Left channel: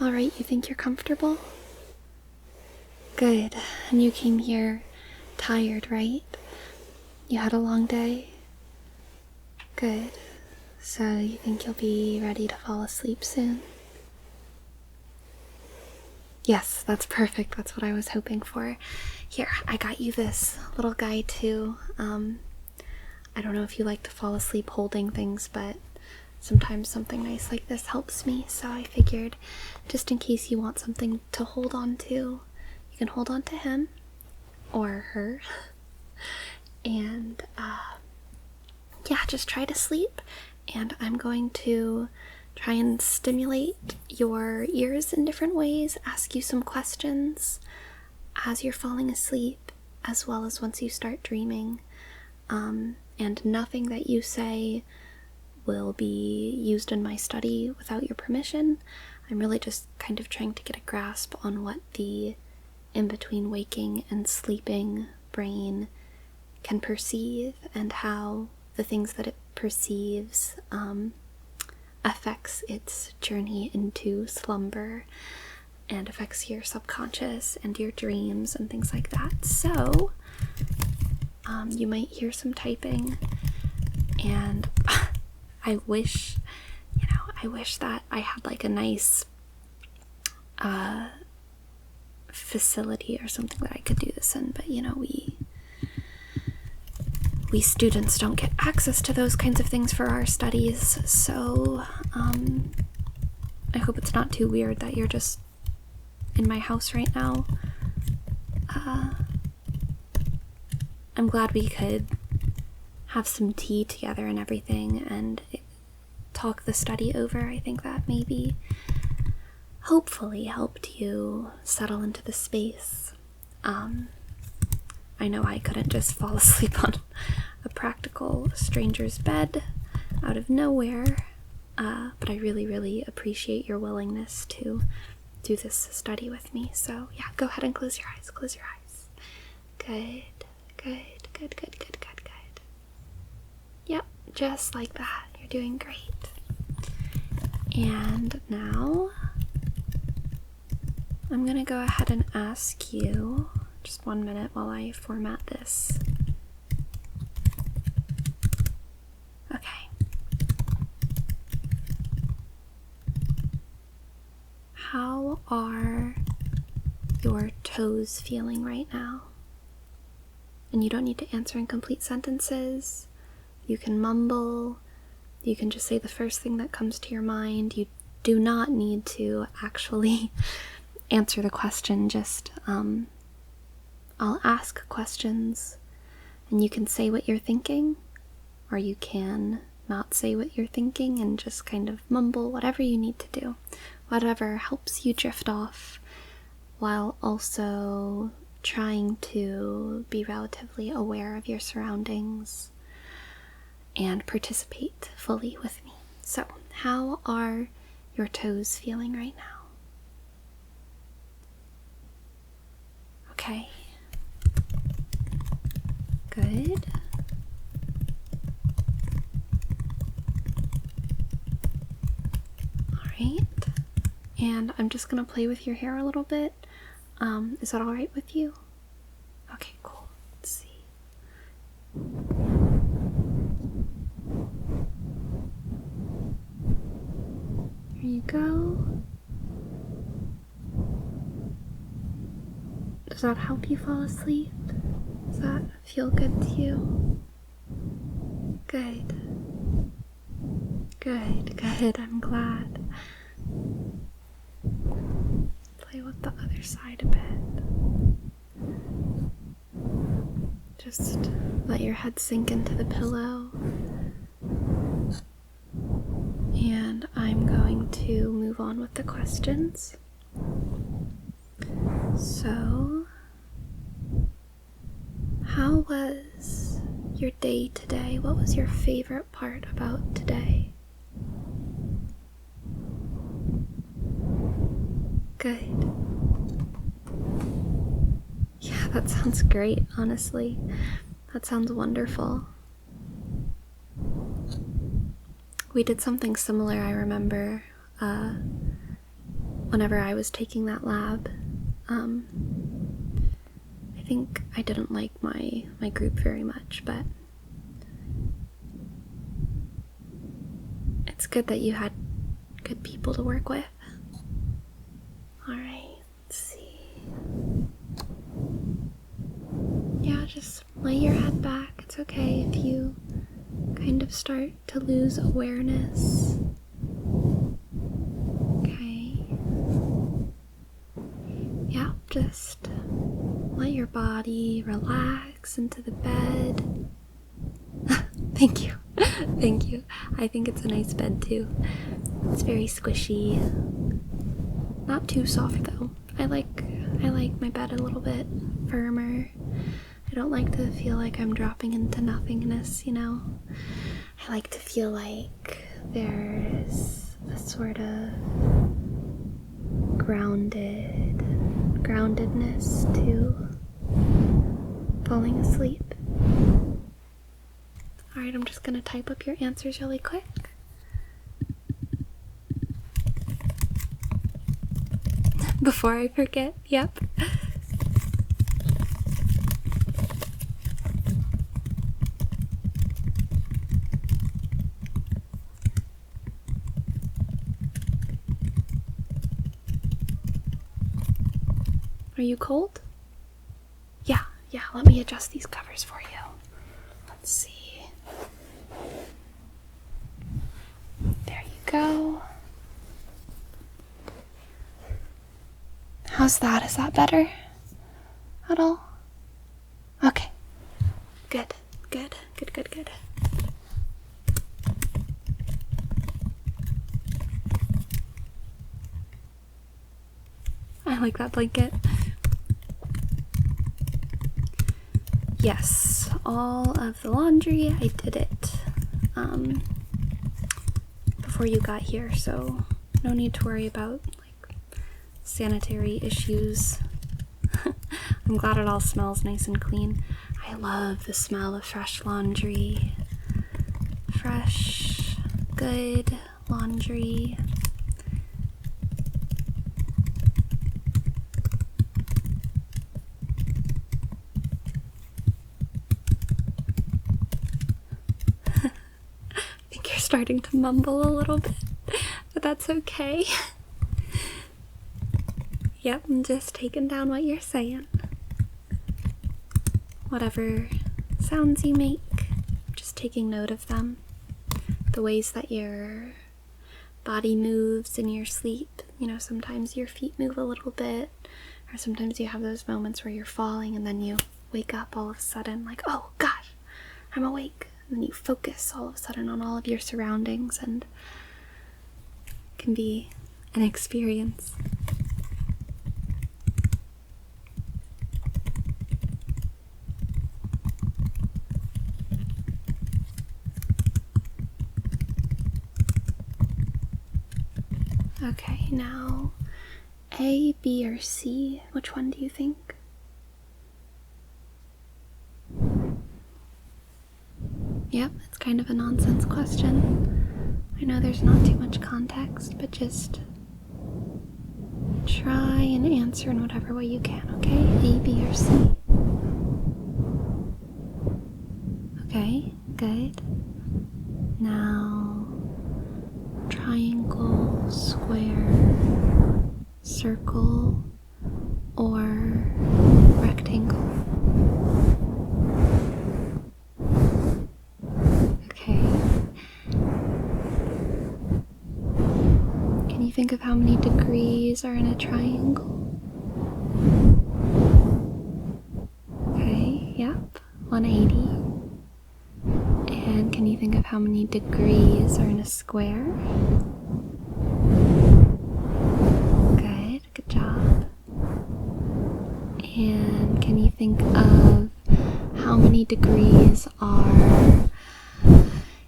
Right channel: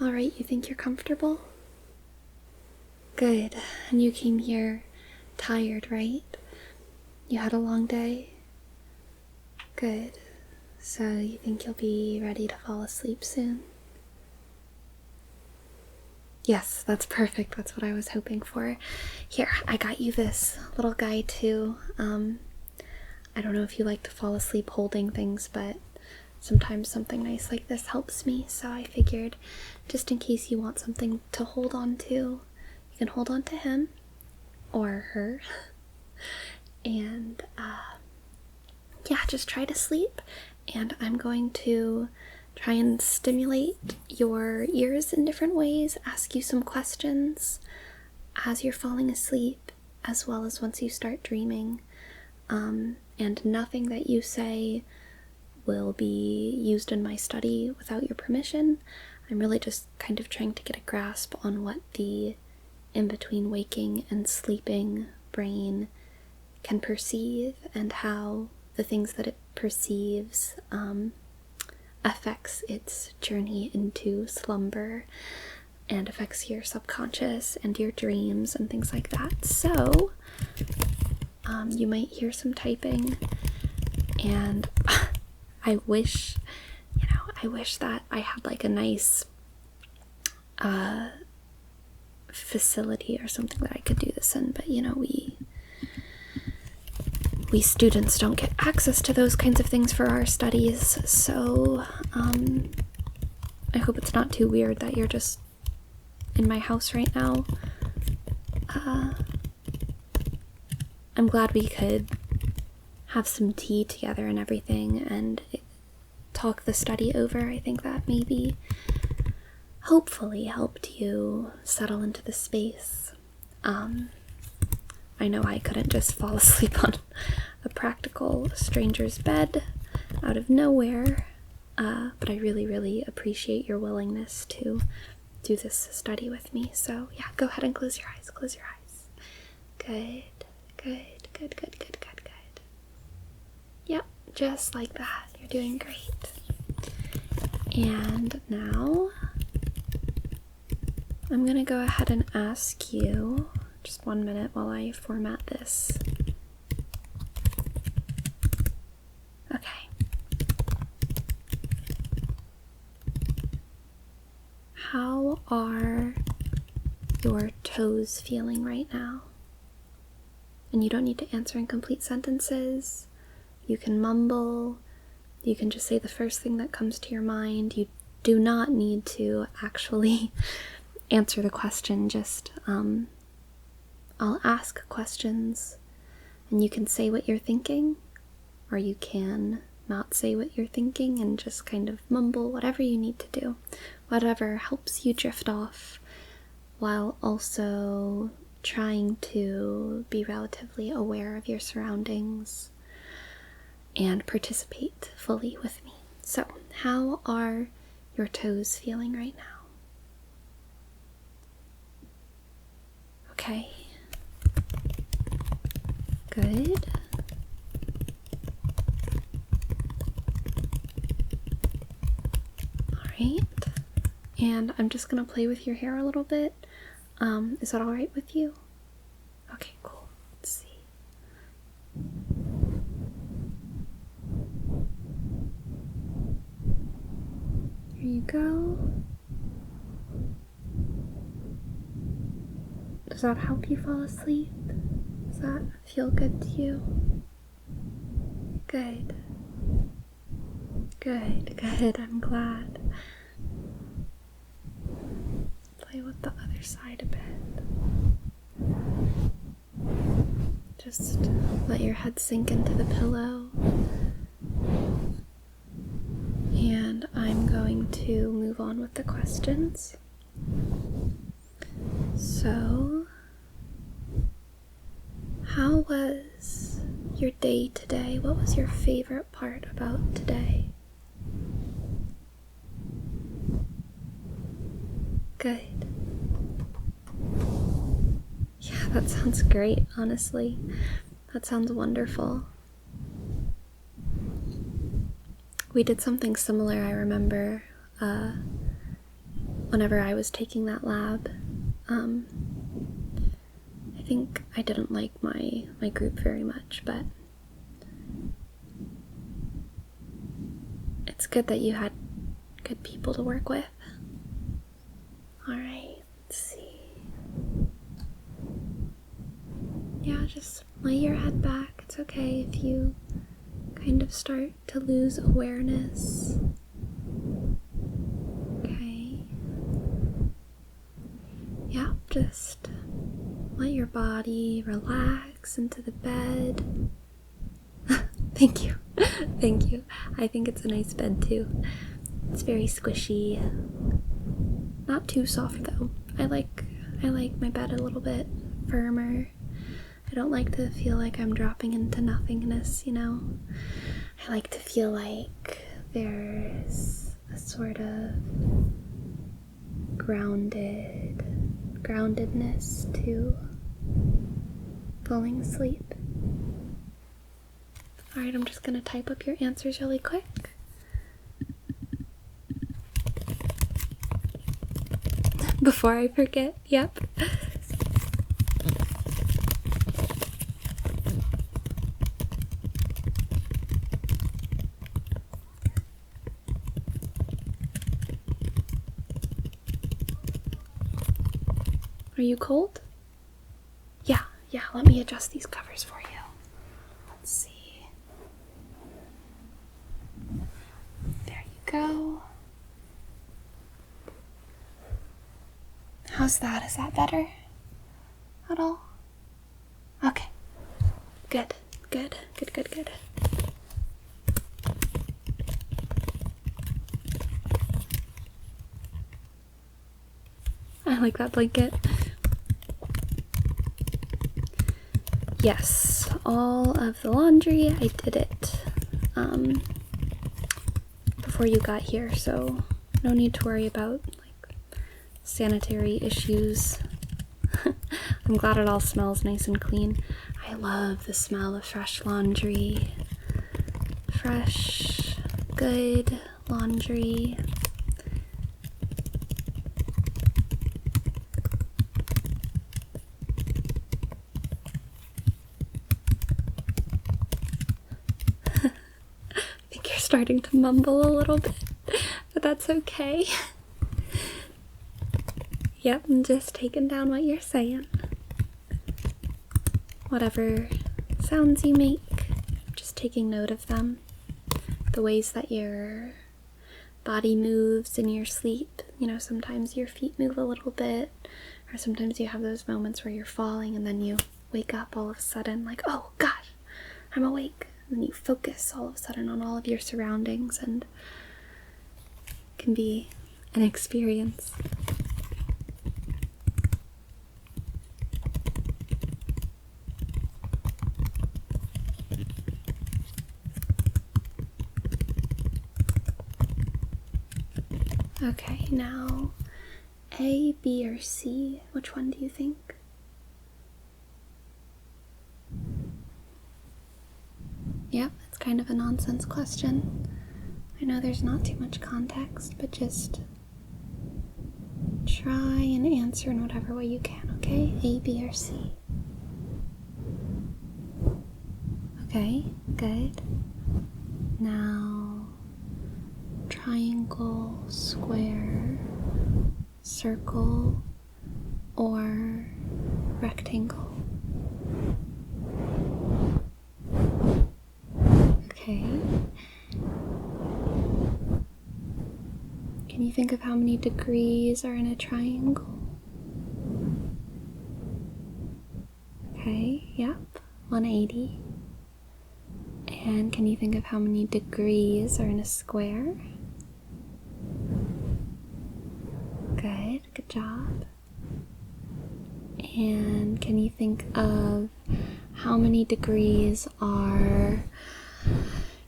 All right, you think you're comfortable? Good. And you came here tired, right? You had a long day? Good. So you think you'll be ready to fall asleep soon? Yes, that's perfect. That's what I was hoping for. Here, I got you this little guy too. I don't know if you like to fall asleep holding things, but sometimes something nice like this helps me, so I figured just in case you want something to hold on to, you can hold on to him or her and yeah, just try to sleep. And I'm going to try and stimulate your ears in different ways, ask you some questions as you're falling asleep, as well as once you start dreaming. And nothing that you say will be used in my study without your permission. I'm really just kind of trying to get a grasp on what the in-between waking and sleeping brain can perceive and how the things that it perceives affects its journey into slumber and affects your subconscious and your dreams and things like that. So you might hear some typing, and I wish that I had like a nice facility or something that I could do this in, but we students don't get access to those kinds of things for our studies, so I hope it's not too weird that you're just in my house right now. I'm glad we could have some tea together and everything and talk the study over. I think that maybe hopefully helped you settle into the space. I know I couldn't just fall asleep on a practical stranger's bed out of nowhere, but I really, really appreciate your willingness to do this study with me. So yeah, go ahead and close your eyes. Close your eyes. Good. Yep, just like that. You're doing great. And now I'm gonna go ahead and ask you, just 1 minute while I format this. Okay. How are your toes feeling right now? And you don't need to answer in complete sentences. You can mumble. You can just say the first thing that comes to your mind. You do not need to actually answer the question. Just, I'll ask questions and you can say what you're thinking, or you can not say what you're thinking and just kind of mumble, whatever you need to do. Whatever helps you drift off while also trying to be relatively aware of your surroundings and participate fully with me. So, how are your toes feeling right now? Okay. Good. Alright. And I'm just gonna play with your hair a little bit. Is that alright with you? Okay, cool. Let's see. Here you go. Does that help you fall asleep? Does that feel good to you? Good. I'm glad. Play with the other side a bit. Just let your head sink into the pillow. And I'm going to move on with the questions. So, how was your day today? What was your favorite part about today? Good. Yeah, that sounds great, honestly. That sounds wonderful. We did something similar, I remember, whenever I was taking that lab, I think I didn't like my group very much, but it's good that you had good people to work with. Alright, let's see. Yeah, just lay your head back. It's okay if you kind of start to lose awareness. Okay. Yeah, just let your body relax into the bed. Thank you. Thank you. I think it's a nice bed too. It's very squishy. Not too soft though. I like my bed a little bit firmer. I don't like to feel like I'm dropping into nothingness, you know? I like to feel like there's a sort of groundedness to falling asleep. Alright, I'm just gonna type up your answers really quick. Before I forget, yep. Are you cold? Yeah, let me adjust these covers for you. Let's see. There you go. How's that? Is that better at all? Okay. Good. I like that blanket. Yes, all of the laundry, I did it before you got here, so no need to worry about like sanitary issues. I'm glad it all smells nice and clean. I love the smell of fresh laundry. Fresh, good laundry. Starting to mumble a little bit, but that's okay. Yep, I'm just taking down what you're saying. Whatever sounds you make, just taking note of them. The ways that your body moves in your sleep. You know, sometimes your feet move a little bit, or sometimes you have those moments where you're falling and then you wake up all of a sudden like, oh gosh, I'm awake. And then you focus all of a sudden on all of your surroundings, and it can be an experience. Okay, now A, B, or C, which one do you think? Yep, it's kind of a nonsense question. I know there's not too much context, but just try and answer in whatever way you can, okay? A, B, or C. Okay, good. Now, triangle, square, circle, or rectangle. Okay. Can you think of how many degrees are in a triangle? Okay, yep, 180. And can you think of how many degrees are in a square? Good job. And can you think of how many degrees are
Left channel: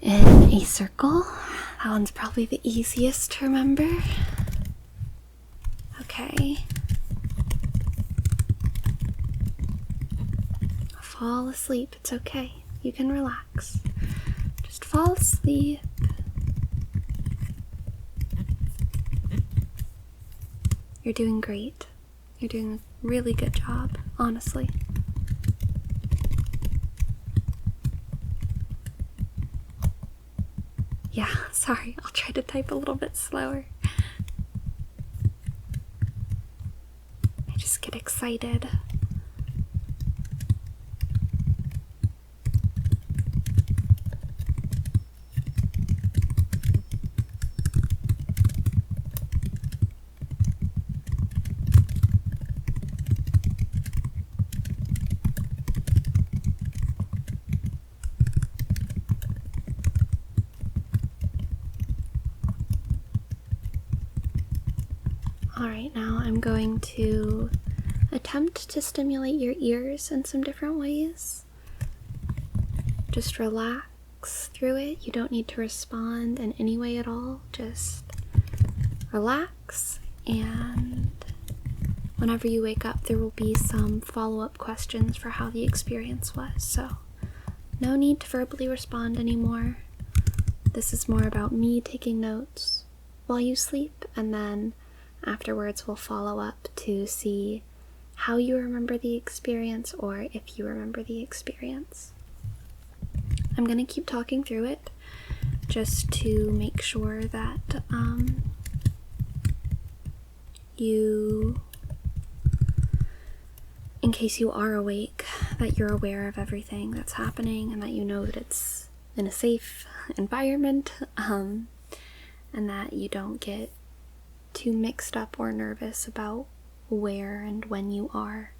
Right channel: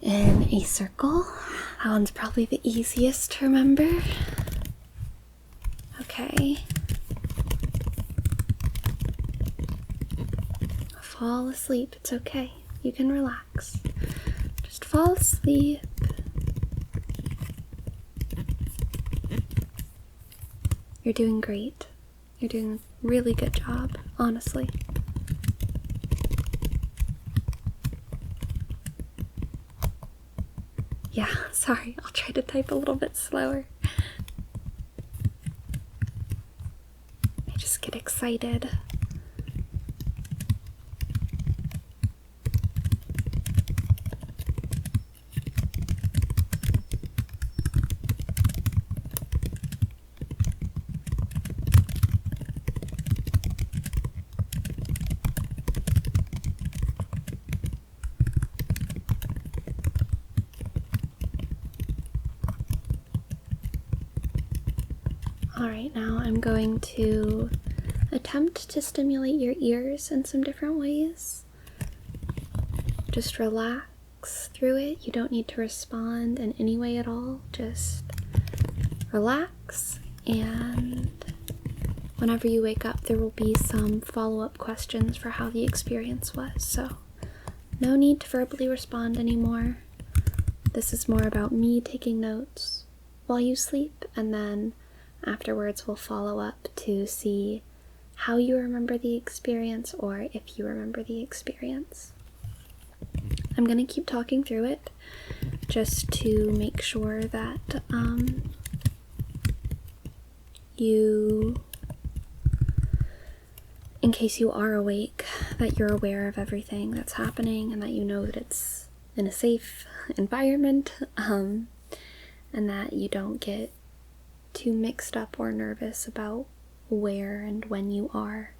in a circle? That one's probably the easiest to remember. Okay. Fall asleep. It's okay. You can relax. Just fall asleep. You're doing great. You're doing a really good job, honestly. Yeah, sorry, I'll try to type a little bit slower. I just get excited. Alright, now I'm going to attempt to stimulate your ears in some different ways. Just relax through it. You don't need to respond in any way at all. Just relax, and whenever you wake up, there will be some follow-up questions for how the experience was. So, no need to verbally respond anymore. This is more about me taking notes while you sleep, and then afterwards we'll follow up to see how you remember the experience or if you remember the experience. I'm going to keep talking through it just to make sure that you, in case you are awake, that you're aware of everything that's happening and that you know that it's in a safe environment, and that you don't get too mixed up or nervous about where and when you are,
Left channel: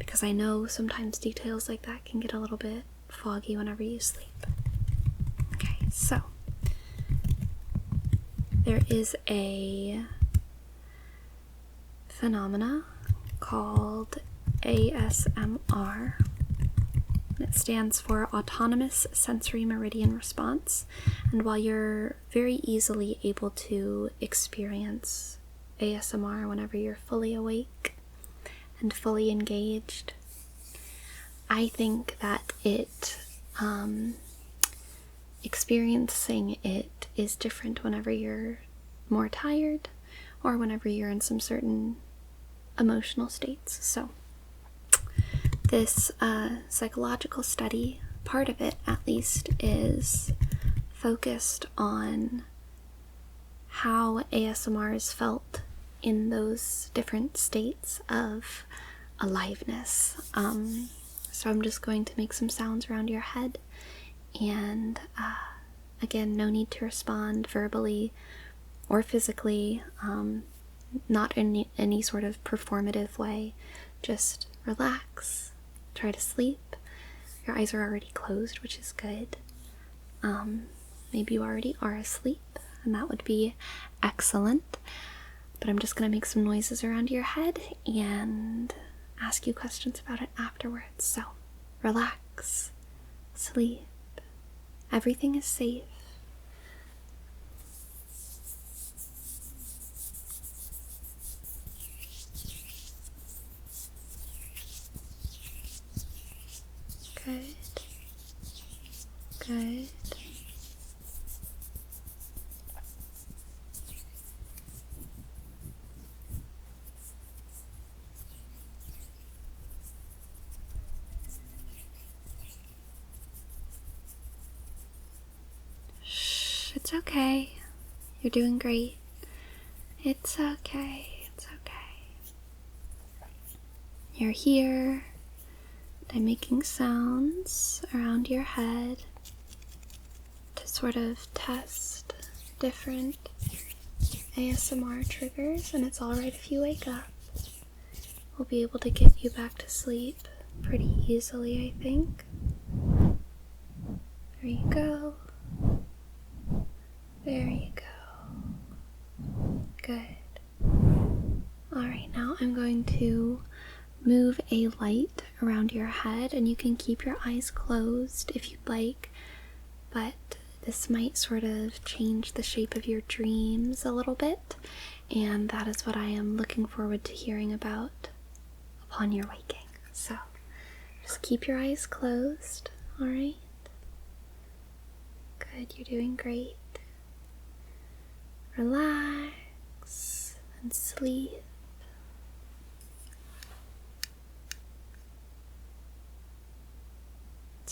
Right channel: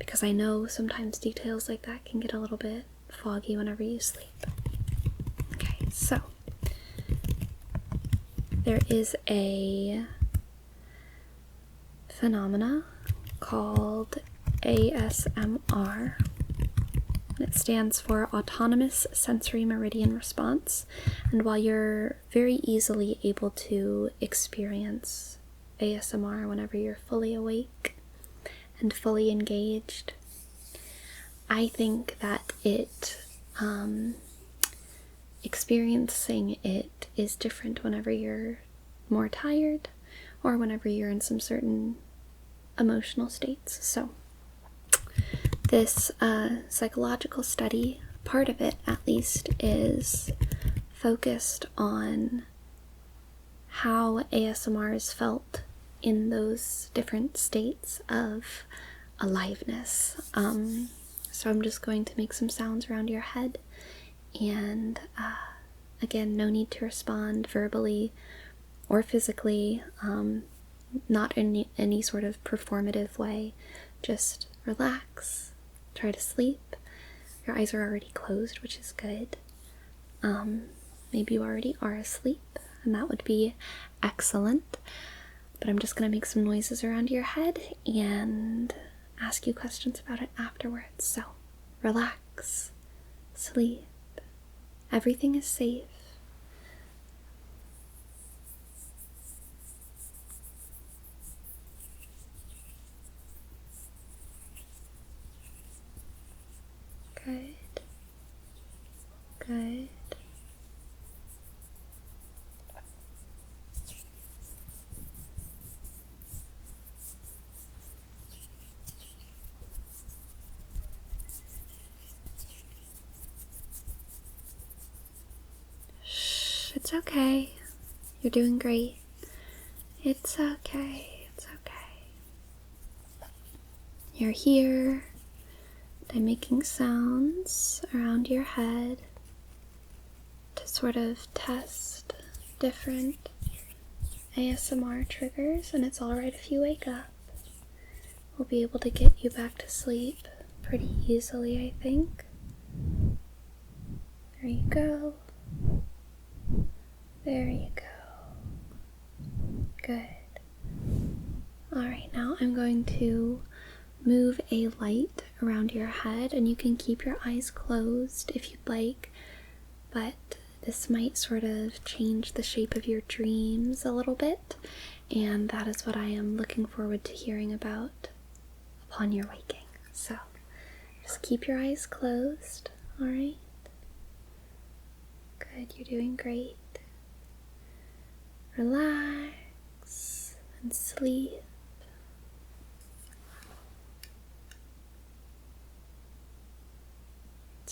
because I know sometimes details like that can get a little bit foggy whenever you sleep. Okay, so there is a phenomena called ASMR. It stands for Autonomous Sensory Meridian Response, and while you're very easily able to experience ASMR whenever you're fully awake and fully engaged, I think that experiencing it is different whenever you're more tired or whenever you're in some certain emotional states. So this psychological study, part of it at least, is focused on how ASMR is felt in those different states of aliveness. So I'm just going to make some sounds around your head, and again, no need to respond verbally or physically, not in any sort of performative way. Just relax, try to sleep. Your eyes are already closed, which is good. Maybe you already are asleep, and that would be excellent. But I'm just going to make some noises around your head and ask you questions about it afterwards. So, relax, sleep. Everything is safe. Good. Good. Shh, it's okay. You're doing great. It's okay. It's okay. You're here. I'm making sounds around your head to sort of test different ASMR triggers, and it's alright if you wake up. We'll be able to get you back to sleep pretty easily, I think. There you go. There you go. Good. Alright, now I'm going to move a light around your head, and you can keep your eyes closed if you'd like, but this might sort of change the shape of your dreams a little bit, and that is what I am looking forward to hearing about upon your waking. So just keep your eyes closed, alright? Good, you're doing great. Relax and sleep.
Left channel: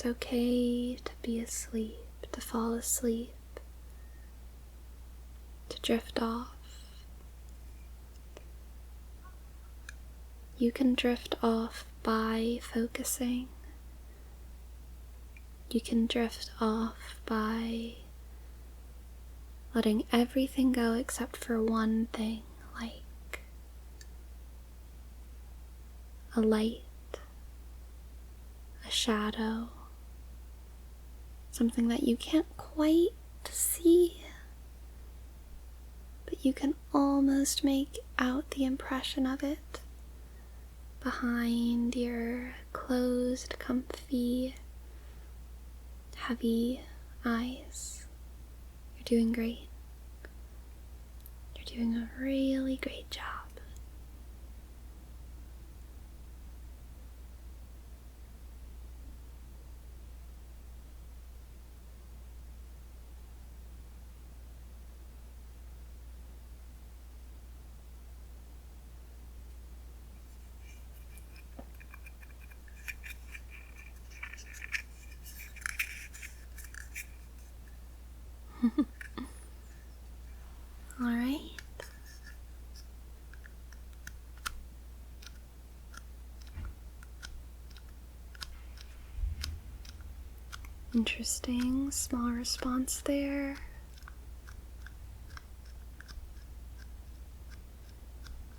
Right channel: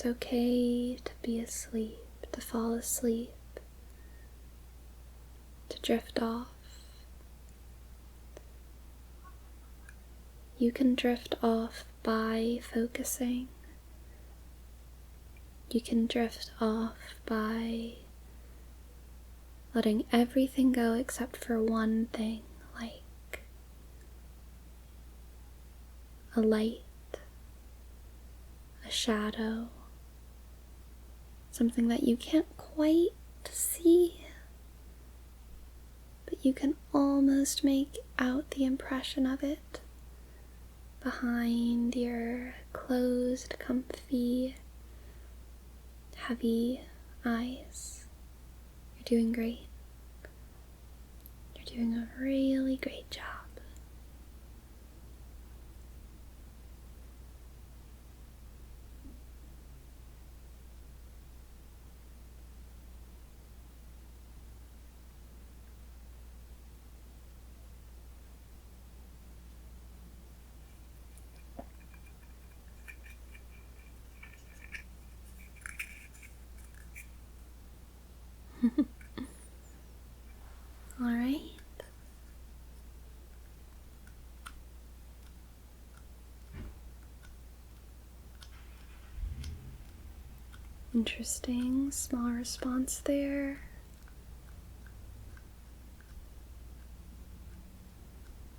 It's okay to be asleep, to fall asleep, to drift off. You can drift off by focusing. You can drift off by letting everything go except for one thing, like a light, a shadow, something that you can't quite see, but you can almost make out the impression of it behind your closed, comfy, heavy eyes. You're doing great. You're doing a really great job. All right. Interesting, small response there.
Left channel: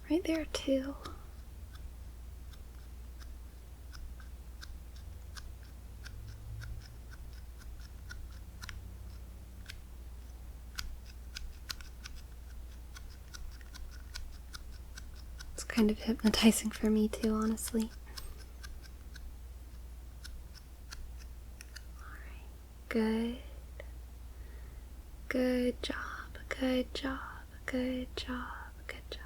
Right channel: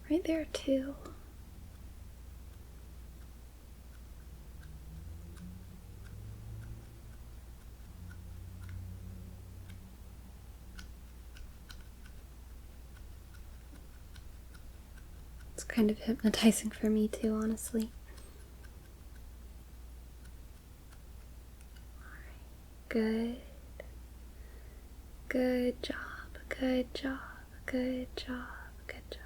Right there too. It's kind of hypnotizing for me too, honestly. Good. Good job. Good job. Good job. Good job.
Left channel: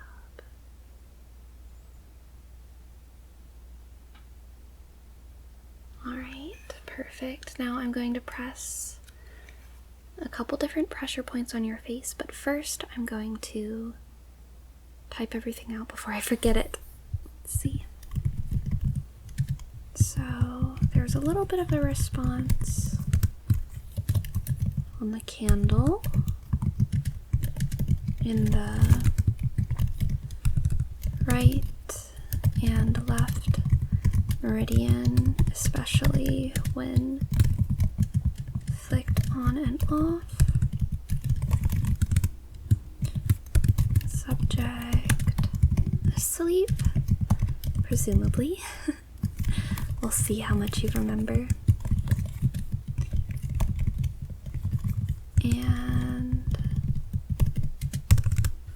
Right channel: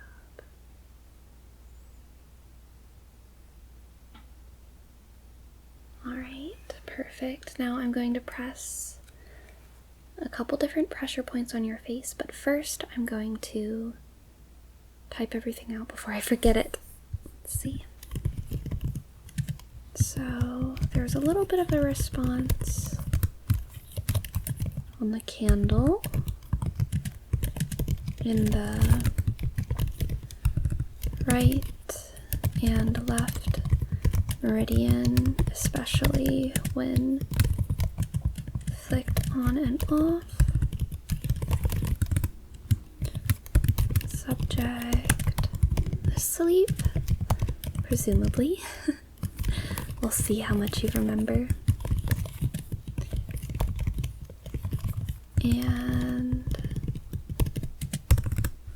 Alright, perfect. Now I'm going to press a couple different pressure points on your face, but first I'm going to type everything out before I forget it. Let's see. So there's a little bit of a response on the candle in the right and left meridian, especially when flicked on and off. Subject asleep, presumably. We'll see how much you remember. And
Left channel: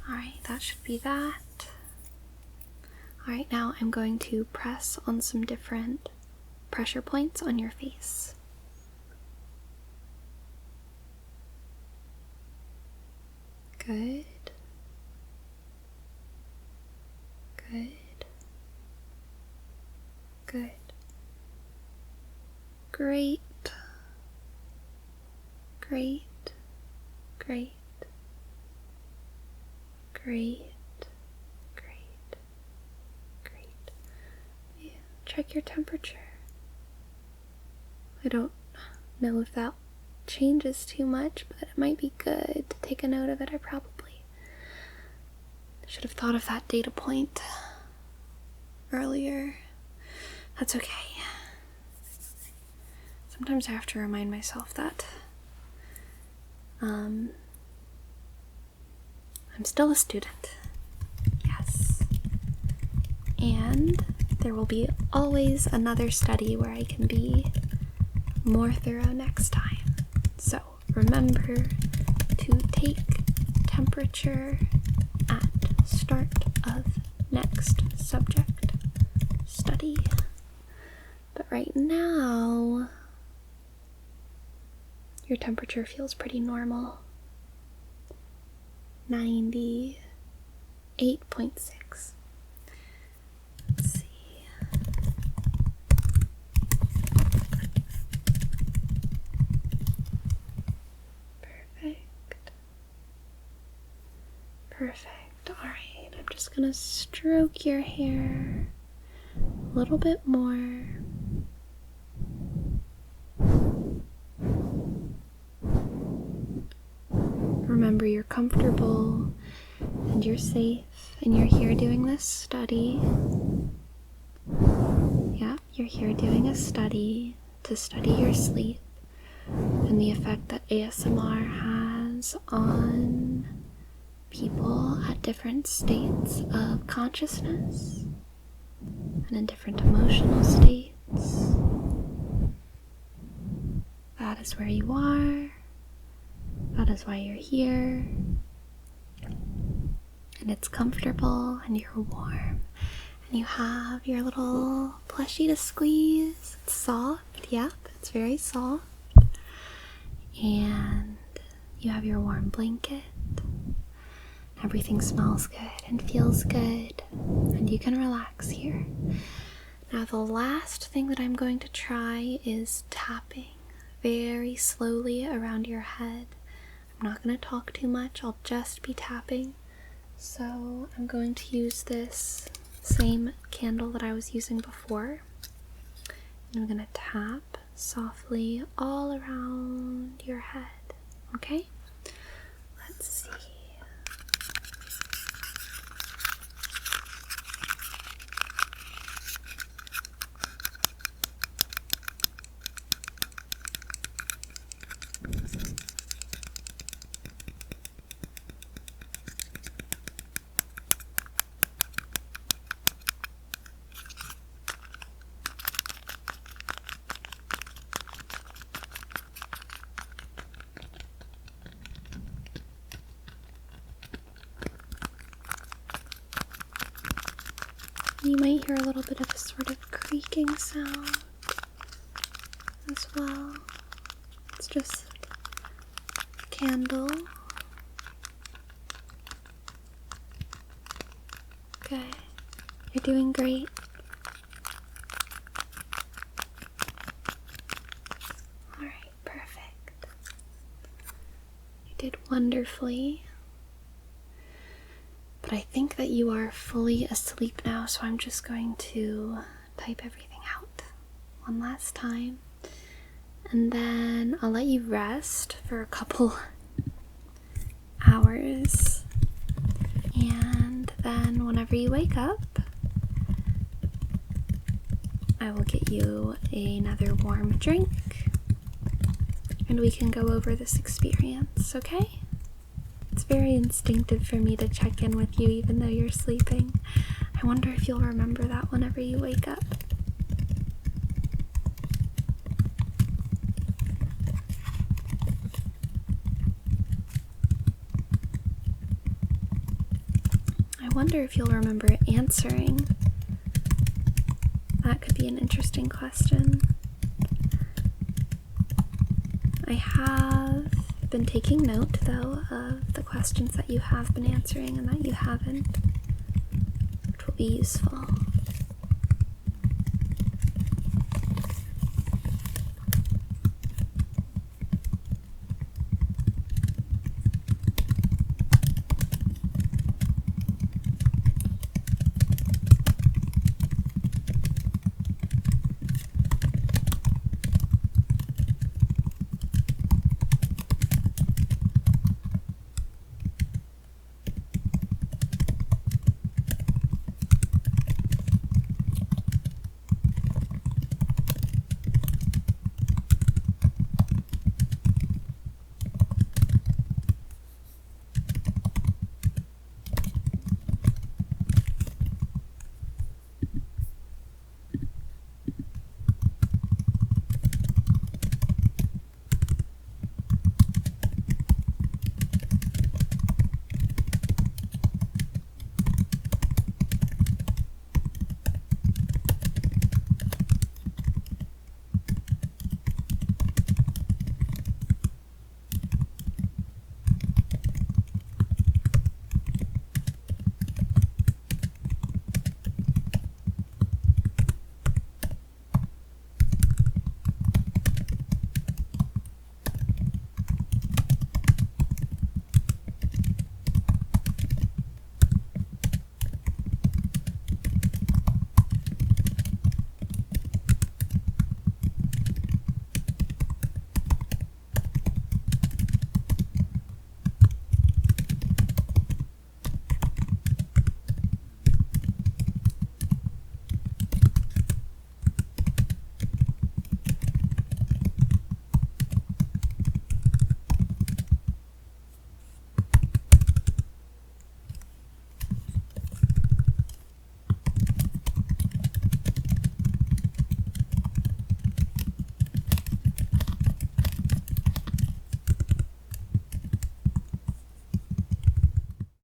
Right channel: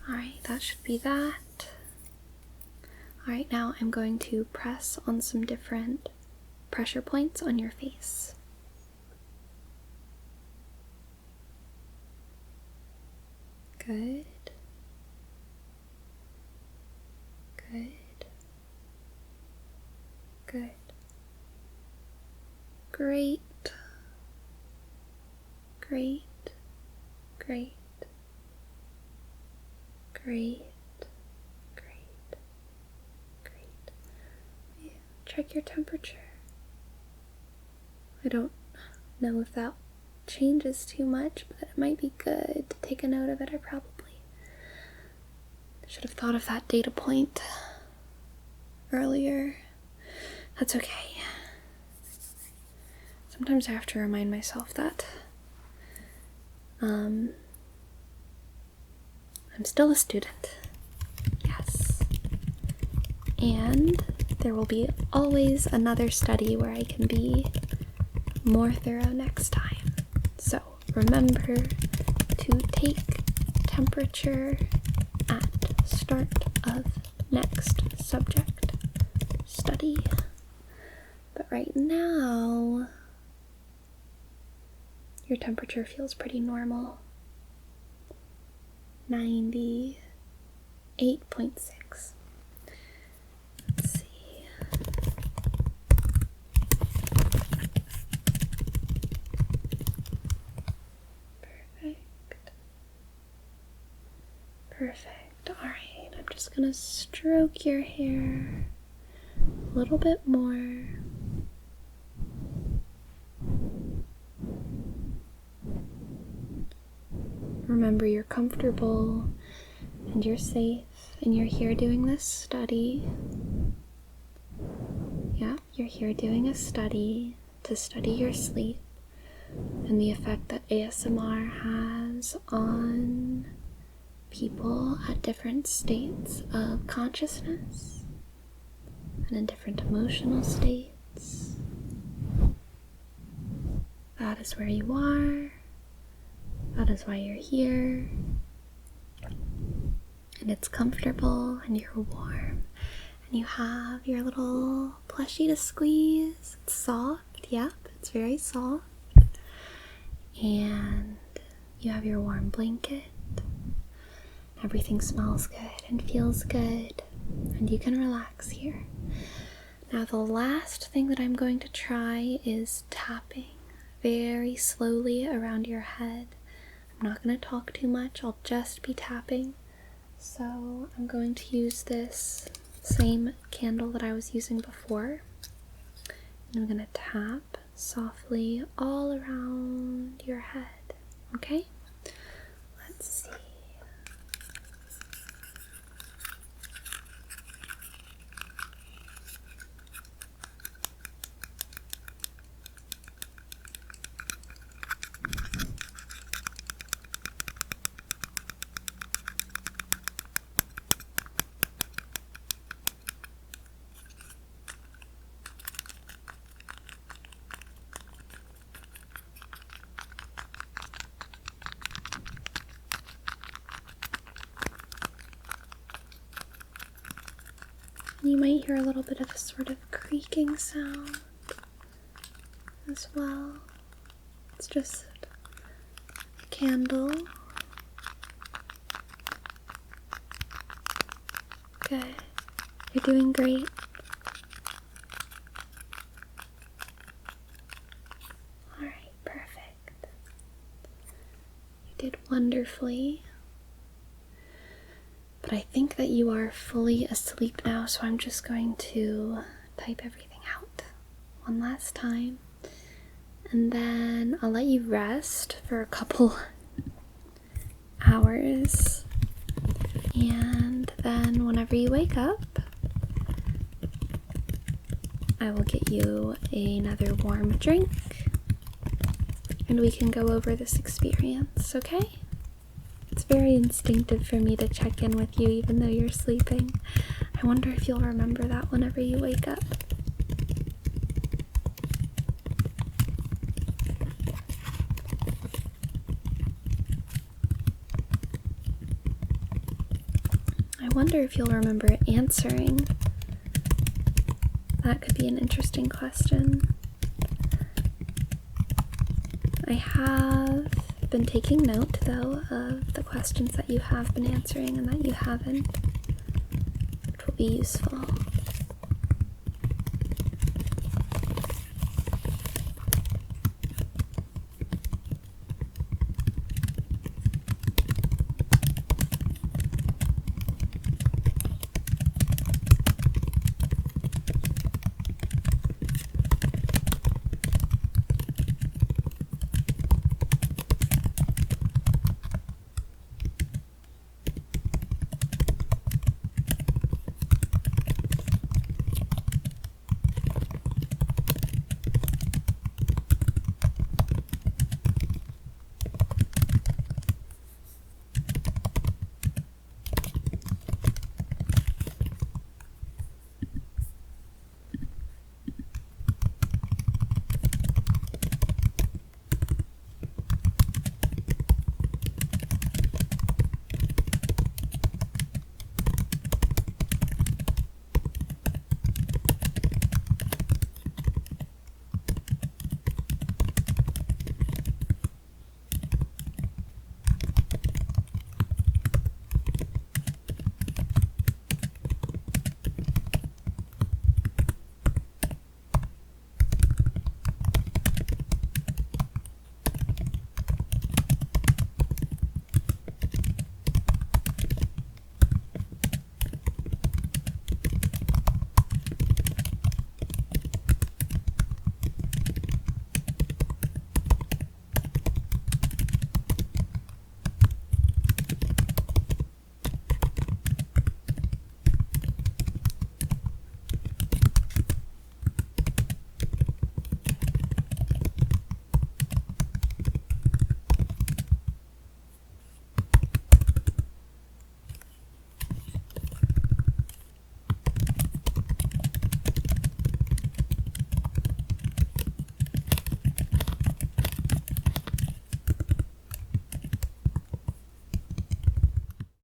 alright, that should be that. Alright, now I'm going to press on some different pressure points on your face. Good. Good. Good. Great. Great. Great. Great. Great. Great. Yeah. Check your temperature. I don't know if that changes too much, but it might be good to take a note of it. I probably should have thought of that data point earlier. That's okay. Sometimes I have to remind myself that I'm still a student. Yes. And there will be always another study where I can be more thorough next time. So remember to take temperature at start of next subject study. But right now, your temperature feels pretty normal. 98.6. Let's see. Perfect. Perfect. Alright, I'm just gonna stroke your hair a little bit more. Remember, you're comfortable and you're safe, and you're here doing this study. Yeah, you're here doing a study to study your sleep and the effect that ASMR has on people at different states of consciousness and in different emotional states. That is where you are. That is why you're here. And it's comfortable and you're warm. And you have your little plushie to squeeze. It's soft, yep, it's very soft. And you have your warm blanket. Everything smells good and feels good. And you can relax here. Now the last thing that I'm going to try is tapping very slowly around your head. I'm not going to talk too much, I'll just be tapping. So I'm going to use this same candle that I was using before. And I'm going to tap softly all around your head. Okay? Let's see. You might hear a little bit of a sort of creaking sound as well. It's just a candle. Good. You're doing great. Alright, perfect. You did wonderfully. But I think that you are fully asleep now, so I'm just going to type everything out one last time. And then I'll let you rest for a couple hours. And then whenever you wake up, I will get you another warm drink. And we can go over this experience, okay? It's very instinctive for me to check in with you even though you're sleeping. I wonder if you'll remember that whenever you wake up. I wonder if you'll remember answering. That could be an interesting question. I have been taking note, though, of the questions that you have been answering and that you haven't, which will be useful.